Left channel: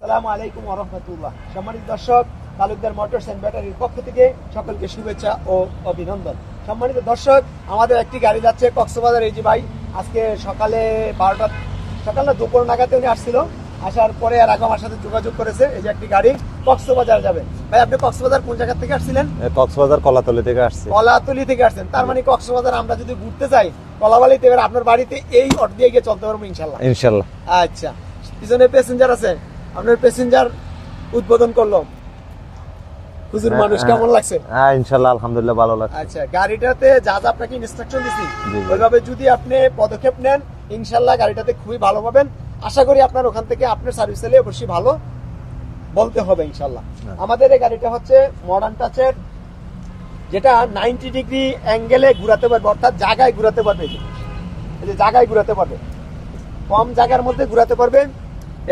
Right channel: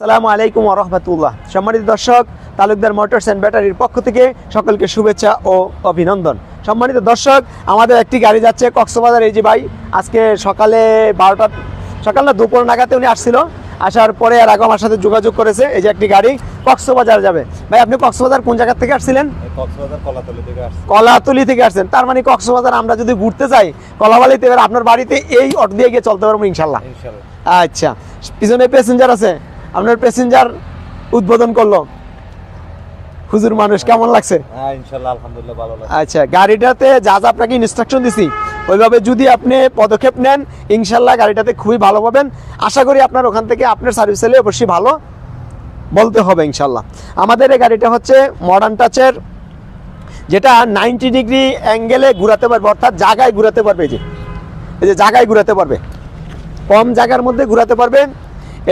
আসসালামু আলাইকুম ওয়া রাহমাতুল্লাহ। সম্মানিত দর্শক, তালুকদার মোটরস এন্ড ব্যাটারির পক্ষ থেকে সকলকে শুভেচ্ছা ও অভিনন্দন। সম্মানিত দর্শক, আমাদের একটি গাড়ি যাচ্ছে কক্সবাজার। এই যে ভাই আজকে সকালে 12টা সকাল না দুপুর নাগাতে উনি আসছিল, আসার পরে আর আগে আমার সাথে যোগাযোগ করেছে। এই যে একটি গাড়ি কক্সবাজার যাবে। ভাই আপনি কক্সবাজার কোন জায়গা থেকে আসছিলেন? কক্সবাজার কলাতলি থেকে আসছি। কলাতলি থেকে আসছেন, তার মানে কক্সবাজার আমরা যদি ঘুরতে যাই কলাবালিতে, এবার আপনার বাড়িতে এই অটো দিয়ে গিয়ে চলতে পারবো ইনশাল্লাহ। ইনশাআল্লাহ। আচ্ছা, পিছনে প্যাসেঞ্জার আছে, আপনার প্যাসেঞ্জার উদ্বোধন করলো হুজুর মানুষ, কেমন লাগছে? হ্যাঁ ইনশাআল্লাহ আলহামদুলিল্লাহ ভালো লাগছে। আচ্ছা, গাড়িটাতে যা যা আপনাকে ইনস্ট্রাকশন দিছি ওইভাবে যদি আপনি পদক্ষেপ নেন ইনশাআল্লাহ গাড়িটাতে খুবই ভালো পাবেন। আশা করি আপনার ওখান থেকে আপনার সার্ভিস হলে অবশ্যই ভালো বলতে হবে ইনশাআল্লাহ। আমাদের এই গাড়িটা হচ্ছে মডার্ন টাচের, যেটা 90 ডিগ্রি অ্যাঙ্গেলে ঘুরাতে পারবে, অর্থাৎ জায়গায় ঘুরাতে পারবে। এই যে জায়গায় ঘুরাতে পারবে, কম জায়গার মধ্যে ঘুরাতে পারবে।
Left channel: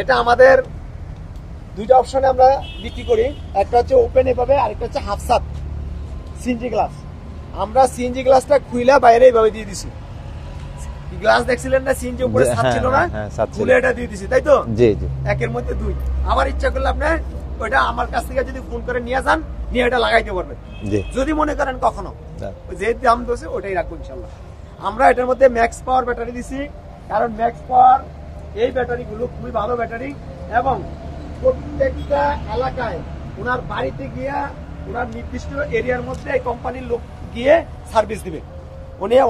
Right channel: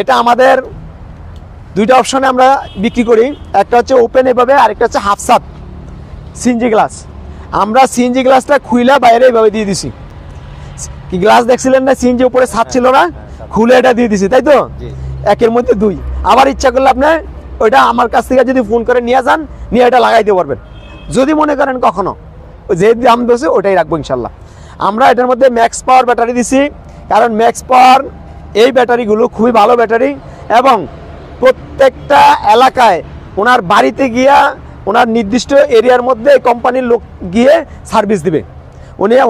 এটা আমাদের দুইটা অপশনে আমরা বিক্রি করি, একটা হচ্ছে ওপেন এভাবে, আরেকটা হচ্ছে হাফ সাত সিএনজি গ্লাস। আমরা সিএনজি গ্লাসটা খুইলা বাইরে এভাবে দিয়ে দিছি। কি গ্লাস দেখছিলেন না, সিএনজি উপরে ছাদ ছিল না, খুলে এটা দিয়ে দিছি, তাই তো? জি। একের মধ্যে দুই। আবার ইচ্ছা করলে আপনি ওইটা আমার কাছ থেকে যদি ফোন করে নিয়ে যান, নিয়ে এটা লাগাইতে পারবেন যদি মনে করেন কখনো। যে দাম দিয়েছে ওটাই রাখবো ইনশাল্লাহ। আমরা এটার মধ্যে ম্যাক্স পাওয়ার ব্যাটারি দিছি, কারণ ম্যাক্স পাওয়ার এই ব্যাটারিগুলো খুবই ভালো ব্যাটারি, এবং প্রত্যেকটা এলাকায় ওনার বাড়িতে গিয়া ওনার নির্দিষ্ট এরিয়ার মধ্যে কোম্পানির লোক গিয়ে সার্ভিস দিবে।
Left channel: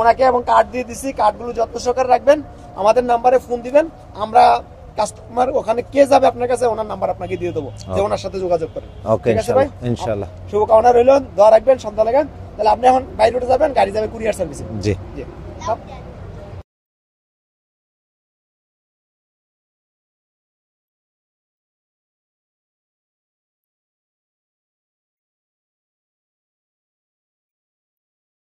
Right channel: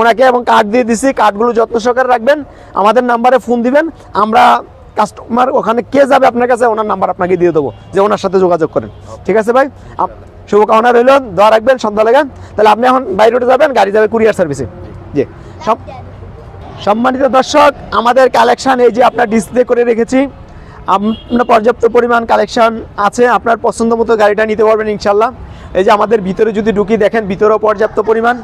ওনাকে এবং কার্ড দিয়ে দিছি, কার্ডগুলো যত্ন সহকারে রাখবেন, আমাদের নাম্বারে ফোন দিবেন, আমরা কাস্টমার ওখানে কে যাবে আপনার কাছে ওনার নাম্বার আপনাকে দিয়ে দেবো, যে ওনার সাথে যোগাযোগ করেন। ঠিক আছে ভাই, ইনশাআল্লাহ। শুভকামনা রইল, দোয়া রাখবেন, সন্ধ্যা লাগান। তাহলে আপনি এখন বাইরে উঠে যাবেন, গাড়ি যাবে কুরিয়ার সার্ভিসে। জি জি। সম্মানিত দর্শক, আমাদের কালেকশন এই যে আপনার ডিসপ্লে করে রেখেছি, আপনার পর্যাপ্ত পরিমাণ কালেকশন আছে, আপনার পছন্দ মতো গাড়িটা নিতে পারবেন ইনশাল্লাহ। এই যে আমাদের ভিতরে যদি ঢুকি দেখেন, ভিতরেও পর্যাপ্ত পরিমাণ।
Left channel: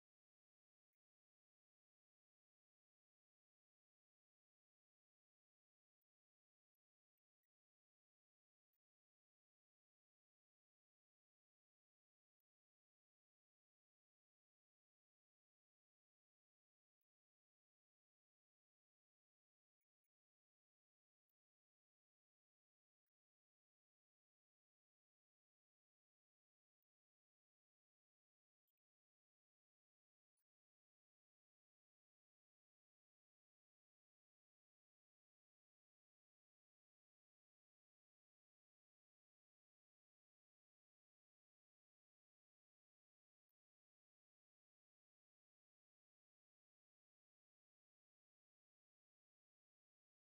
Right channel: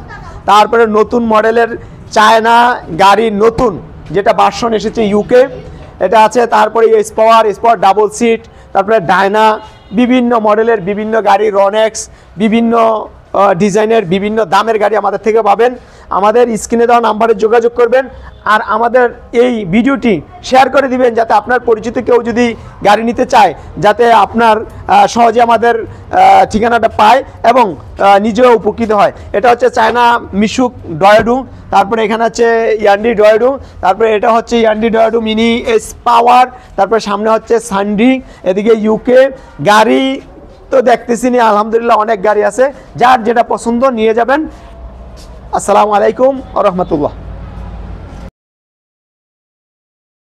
তারপরে নতুন মডেলের চায়না গাড়ি, নতুন যেটা ভার্সন এসেছে ইউকে, এটা আছে। তারপরে স্পাওয়ার ডাবল সিট, তারপরে ডায়না, বিভিন্ন মডেলের বিভিন্ন গাড়ি, রনেক্স, বিভিন্ন ডিজাইনের বিভিন্ন দামের গাড়ি আমাদের থেকে পাবেন। আমাদের স্ক্রিনে দেওয়া নাম্বারে যোগাযোগ করবেন, আর আমাদের এই ভিডিওটি শেয়ার করে দিবেন, যাতে আপনার পরিচিত কেউ যদি গাড়ি নিতে চায় যাতে আপনার সহজে আমাদের ঠিকানাটা পায় এবং নিজেও উপকৃত হয়। এটা হচ্ছে চায়না মিশুক ডয়েডু, তারপরে এখানে হচ্ছে ইয়ান্ডি ডয়েডু, তারপরে এটা হচ্ছে ইয়ান্ডি ডয়েডু মিনি এস পাওয়ার, তারপরে সামনে হচ্ছে সান্ডি, এদিকে ইউকে গাড়ি তো দেখতেছি না, আলহামদুলিল্লাহ অনেক গাড়ি আছে, যার যেটা পছন্দ নিয়ে যাবেন। আসসালামু আলাইকুম ওয়া রাহমাতুল্লাহ।